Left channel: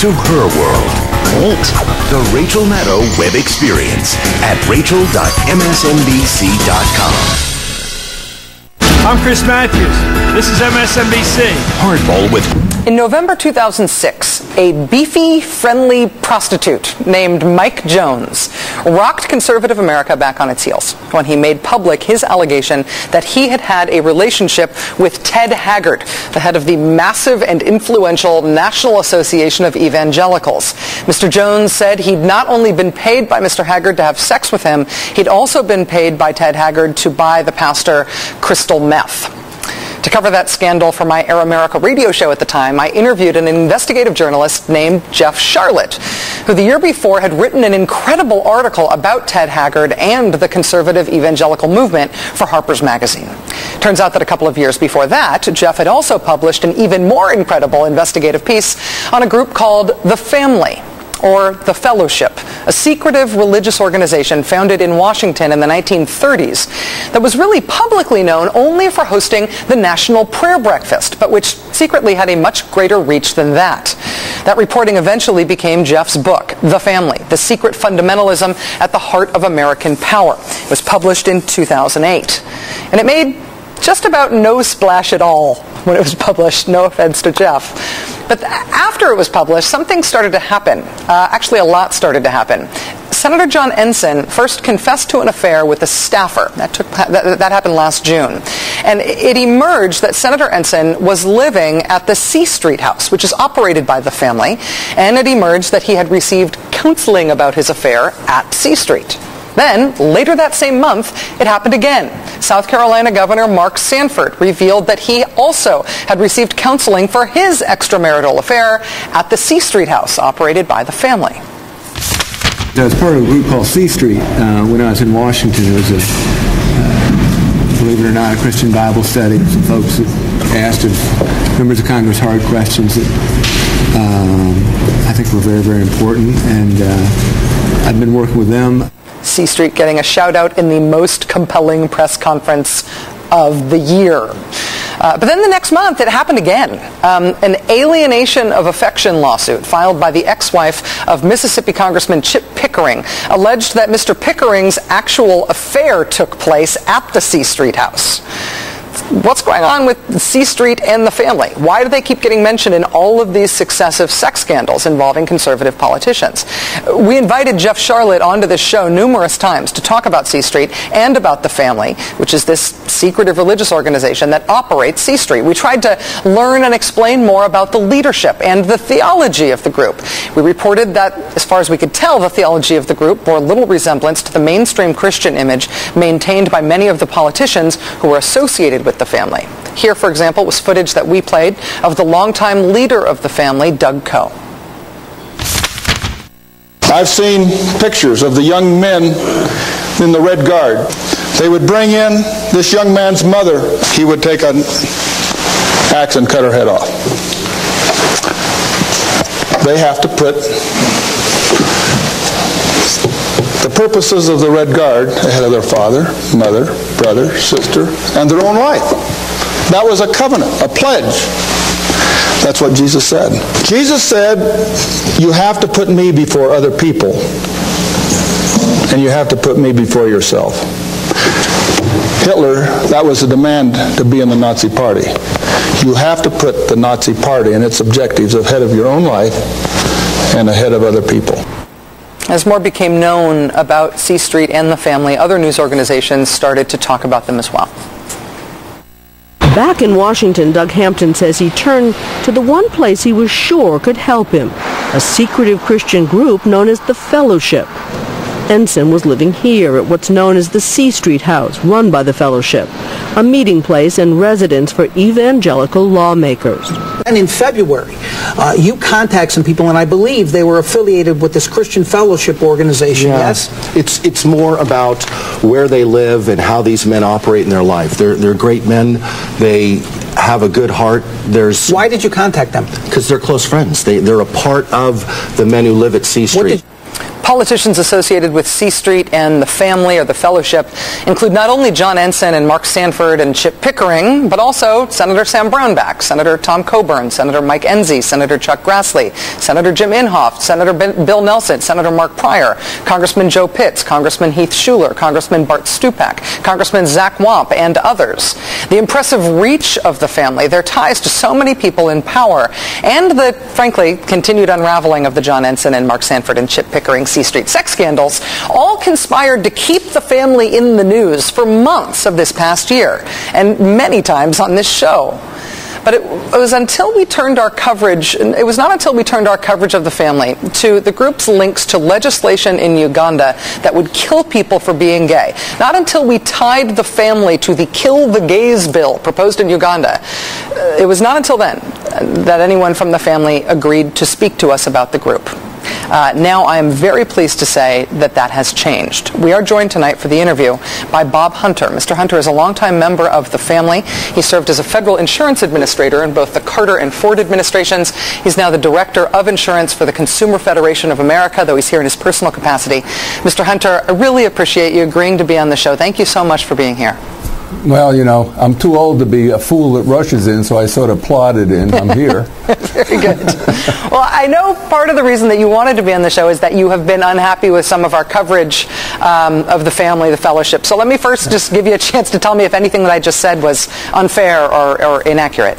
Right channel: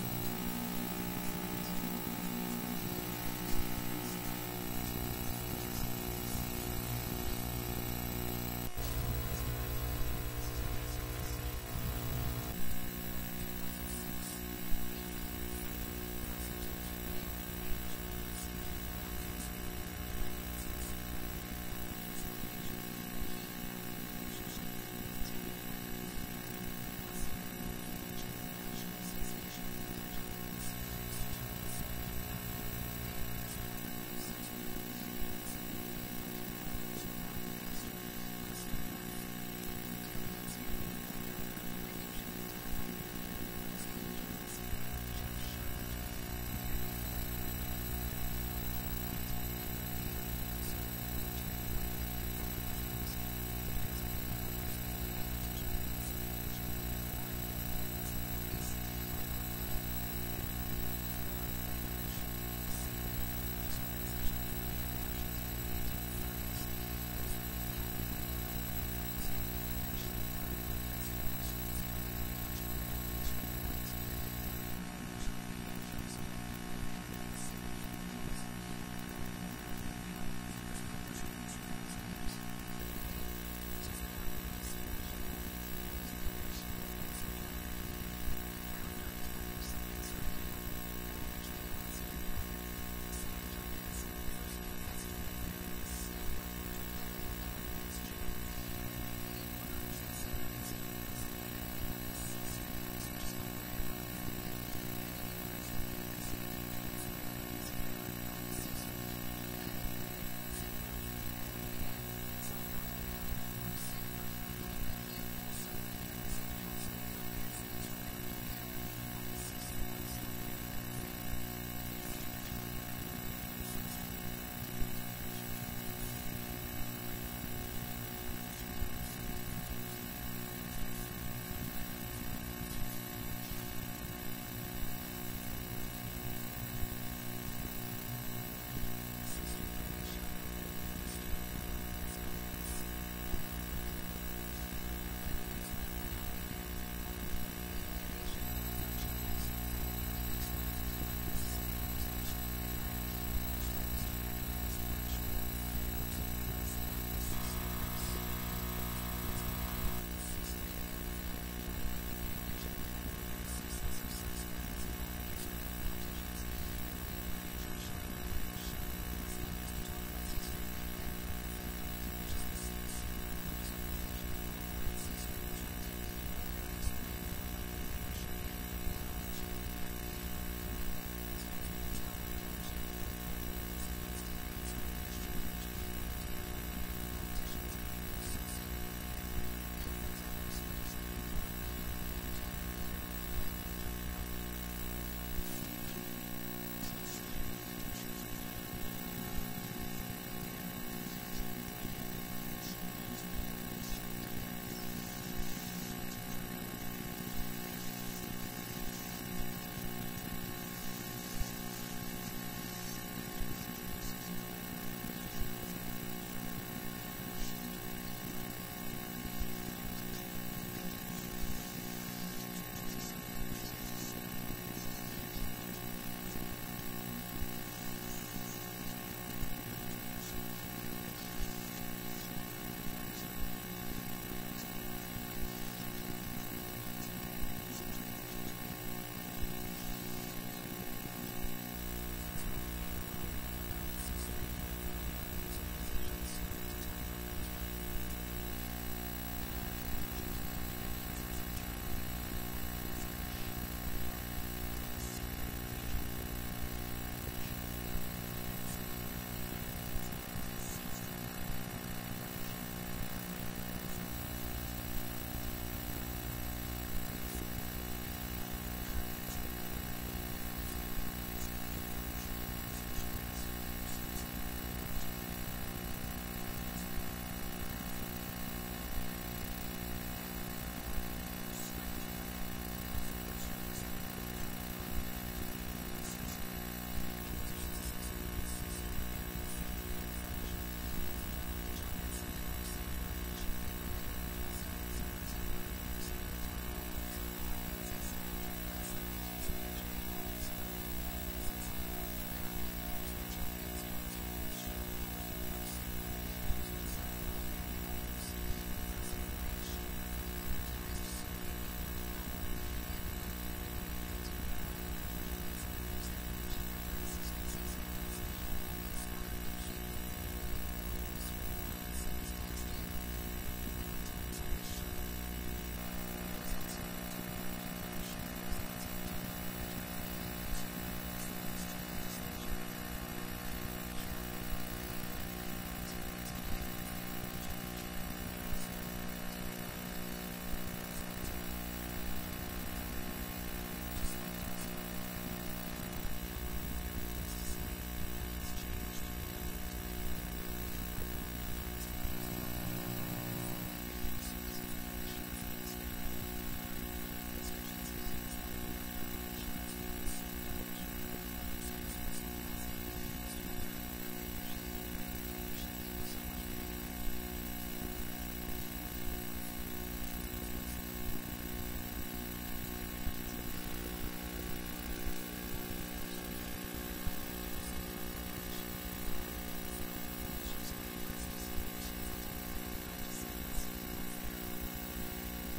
to her world. Neat. The Rachel Maddow Web Experience at rachel.msnbc.com. I'm Chris Matthews. This is MSNBC. Hardball with... In November 2006, a beefy, friendly prostitute named Mike Jones rocked conservative America back on its heels when he made public his allegation that he had had a relationship with Ted Haggard, the head of the massive and influential National Association of Evangelicals. Mr. Jones said he'd not only been paid by Mr. Haggard to have sex with him, he'd also been paid by Ted Haggard to buy the pastor crystal meth. To cover that scandal for my Air America radio show at the time, I interviewed an investigative journalist named Jeff Sharlett, who the year before had written an incredible article about Ted Haggard and the conservative evangelical movement for Harper's Magazine. Turns out that a couple of years before that, Jeff had also published an even more incredible investigative piece on a group called The Family, or The Fellowship, a secretive religious organization founded in Washington in the 1930s that was really publicly known only for hosting the National Prayer Breakfast, but which secretly had a much greater reach than that. That reporting eventually became Jeff's book, The Family, The Secret Fundamentalism at the Heart of American Power. It was published in 2008. And it made just about no splash at all when it was published, no offense to Jeff. But after it was published, something started to happen. Actually, a lot started to happen. Senator John Ensign first confessed to an affair with a staffer. That happened last June. And it emerged that Senator Ensign was living at the C Street house, which is operated by the family. And it emerged that he had received counseling about his affair at C Street. Then, later that same month, it happened again. South Carolina Governor Mark Sanford revealed that he also had received counseling for his extramarital affair at the C Street house, operated by the family. I was part of a group called C Street when I was in Washington. It was believe it or not, a Christian Bible study. Some folks asked members of Congress hard questions that I think were very, very important, and I've been working with them. C Street getting a shout out in the most compelling press conference of the year. But then the next month, it happened again. An alienation of affection lawsuit filed by the ex-wife of Mississippi Congressman Chip Pickering alleged that Mr. Pickering's actual affair took place at the C Street house. What's going on with C Street and the family? Why do they keep getting mentioned in all of these successive sex scandals involving conservative politicians? We invited Jeff Sharlett onto this show numerous times to talk about C Street and about the family, which is this secretive religious organization that operates C Street. We tried to learn and explain more about the leadership and the theology of the group. We reported that, as far as we could tell, the theology of the group bore little resemblance to the mainstream Christian image maintained by many of the politicians who were associated with the family. Here, for example, was footage that we played of the longtime leader of the family, Doug Coe. I've seen pictures of the young men in the Red Guard. They would bring in this young man's mother. He would take an axe and cut her head off. They have to put the purposes of the Red Guard ahead of their father, mother, brother, sister, and their own life. That was a covenant, a pledge. That's what Jesus said. Jesus said, you have to put me before other people, and you have to put me before yourself. Hitler, that was a demand to be in the Nazi Party. You have to put the Nazi Party and its objectives ahead of your own life and ahead of other people. As more became known about C Street and the family, other news organizations started to talk about them as well. Back in Washington, Doug Hampton says he turned to the one place he was sure could help him, a secretive Christian group known as the Fellowship. Ensign was living here at what's known as the C Street House, run by the Fellowship, a meeting place and residence for evangelical lawmakers. And in February, you contact some people, and I believe they were affiliated with this Christian Fellowship organization, yes? It's more about where they live and how these men operate in their life. They're great men. They have a good heart. Why did you contact them? Because they're close friends. They're a part of the men who live at C Street. Politicians associated with C Street and the family or the fellowship include not only John Ensign and Mark Sanford and Chip Pickering, but also Senator Sam Brownback, Senator Tom Coburn, Senator Mike Enzi, Senator Chuck Grassley, Senator Jim Inhofe, Senator Bill Nelson, Senator Mark Pryor, Congressman Joe Pitts, Congressman Heath Shuler, Congressman Bart Stupak, Congressman Zach Wamp, and others. The impressive reach of the family, their ties to so many people in power, and the, frankly, continued unraveling of the John Ensign and Mark Sanford and Chip Pickering C Street sex scandals all conspired to keep the family in the news for months of this past year, and many times on this show. But it was until we turned our coverage, it was not until we turned our coverage of the family to the group's links to legislation in Uganda that would kill people for being gay. Not until we tied the family to the Kill the Gays bill proposed in Uganda. It was not until then that anyone from the family agreed to speak to us about the group. Now I am very pleased to say that that has changed. We are joined tonight for the interview by Bob Hunter. Mr. Hunter is a longtime member of the family. He served as a federal insurance administrator in both the Carter and Ford administrations. He's now the director of insurance for the Consumer Federation of America, though he's here in his personal capacity. Mr. Hunter, I really appreciate you agreeing to be on the show. Thank you so much for being here. Well, you know, I'm too old to be a fool that rushes in, so I sort of plodded in. I'm here. Very good. Well, I know part of the reason that you wanted to be on the show is that you have been unhappy with some of our coverage of the family, the fellowship. So let me first just give you a chance to tell me if anything that I just said was unfair or inaccurate.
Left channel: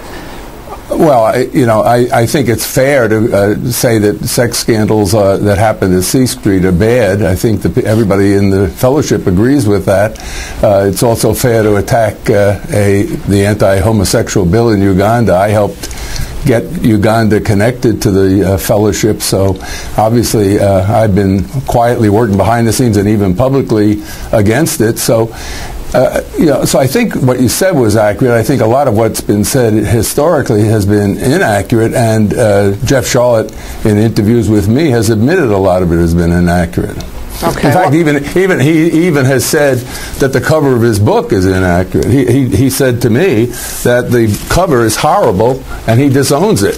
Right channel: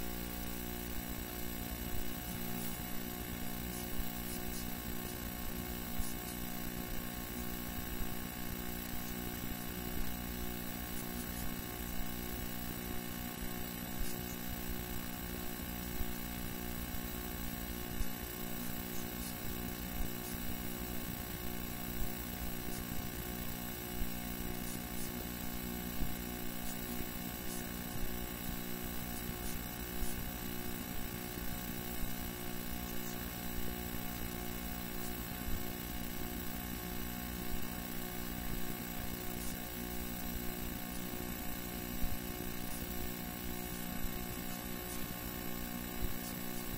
Well, I think it's fair to say that sex scandals that happen at C Street are bad. I think that everybody in the fellowship agrees with that. It's also fair to attack the anti-homosexual bill in Uganda. I helped get Uganda connected to the fellowship, so obviously I've been quietly working behind the scenes and even publicly against it. So so I think what you said was accurate. I think a lot of what's been said historically has been inaccurate, and Jeff Sharlet, in interviews with me, has admitted a lot of it has been inaccurate. Okay. In fact, he even has said that the cover of his book is inaccurate. He said to me that the cover is horrible, and he disowns it.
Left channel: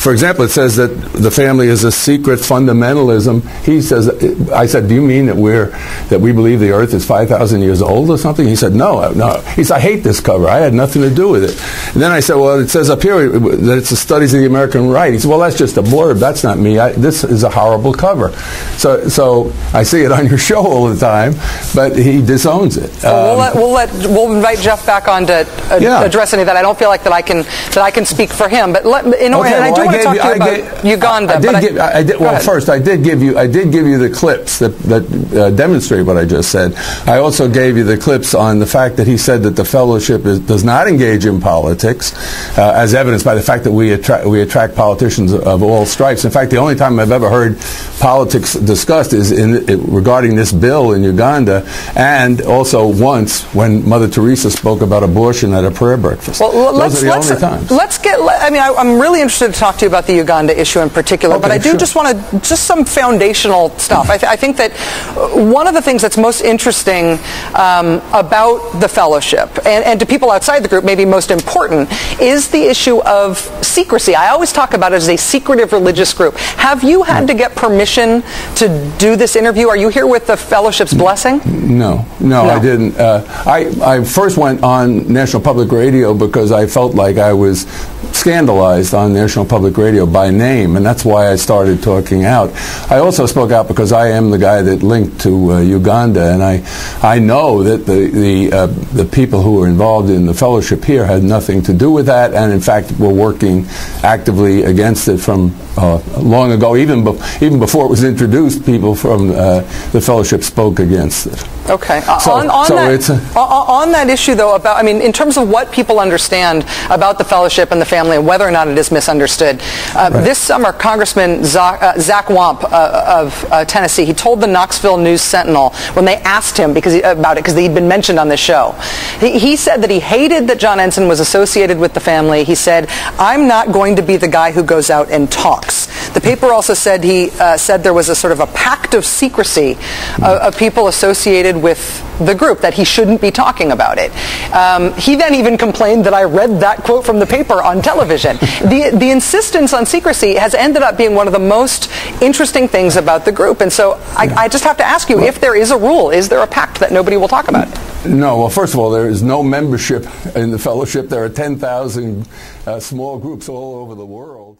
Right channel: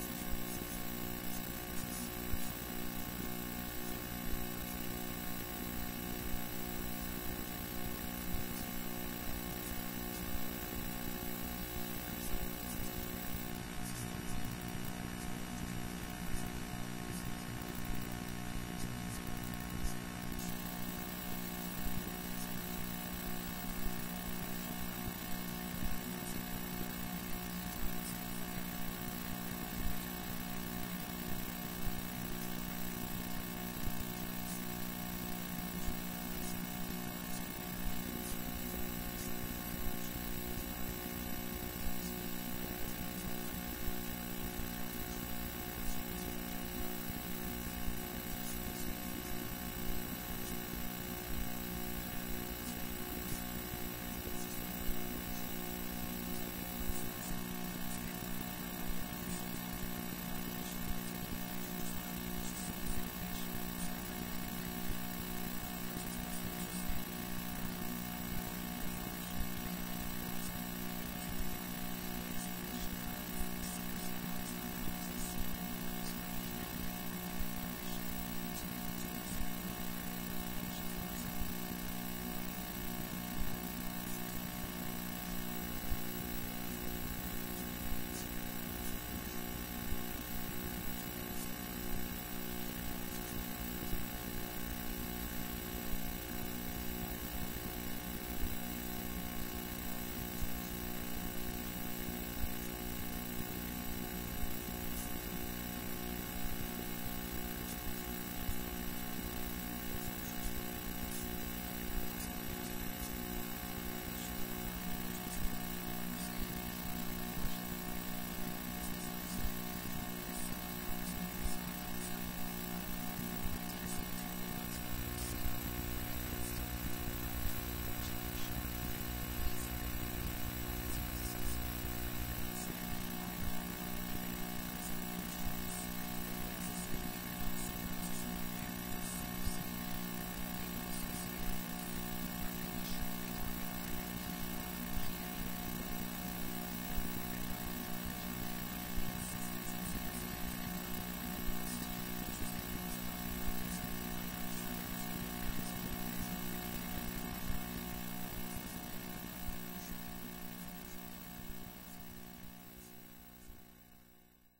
For example, it says that the family is a secret fundamentalism. He says, I said, do you mean that we believe the Earth is 5,000 years old or something? He said, no. He said, I hate this cover. I had nothing to do with it. And then I said, well, it says up here that it's the studies of the American right. He said, well, that's just a blurb. That's not me. This is a horrible cover. So I see it on your show all the time, but he disowns it. We'll invite Jeff back on to address any of that. I don't feel like that I can speak for him, but I want to talk to you about Uganda. First, I did give you the clips that demonstrate what I just said. I also gave you the clips on the fact that he said that the fellowship does not engage in politics, as evidenced by the fact that we attract politicians of all stripes. In fact, the only time I've ever heard politics discussed is regarding this bill in Uganda, and also once when Mother Teresa spoke about abortion at a prayer breakfast. Those are the only times. I'm really interested to talk to you about the Uganda issue in particular, but I do just want some foundational stuff. I think that one of the things that's most interesting about the fellowship, and to people outside the group maybe most important, is the issue of secrecy. I always talk about it as a secretive religious group. Have you had to get permission to do this interview? Are you here with the fellowship's blessing? No, I didn't. I first went on National Public Radio because I felt like I was scandalized on National Public Radio by name, and that's why I started talking out. I also spoke out because I am the guy that linked to Uganda, and I know that the people who were involved in the fellowship here had nothing to do with that, and in fact were working actively against it from long ago. Even before it was introduced, people from the fellowship spoke against it. Okay. On that issue, though, in terms of what people understand about the fellowship and the family and whether or not it is misunderstood, this summer, Congressman Zach Wamp of Tennessee, he told the Knoxville News-Sentinel when they asked him about it because he'd been mentioned on this show, he said that he hated that John Ensign was associated with the family. He said, I'm not going to be the guy who goes out and talks. The paper also said he said there was a sort of a pact of secrecy of people associated with the group, that he shouldn't be talking about it. He then even complained that I read that quote from the paper on television. The insistence on secrecy has ended up being one of the most interesting things about the group. And so I just have to ask you, if there is a rule, is there a pact that nobody will talk about? No. Well, first of all, there is no membership in the fellowship. There are 10,000 small groups all over the world.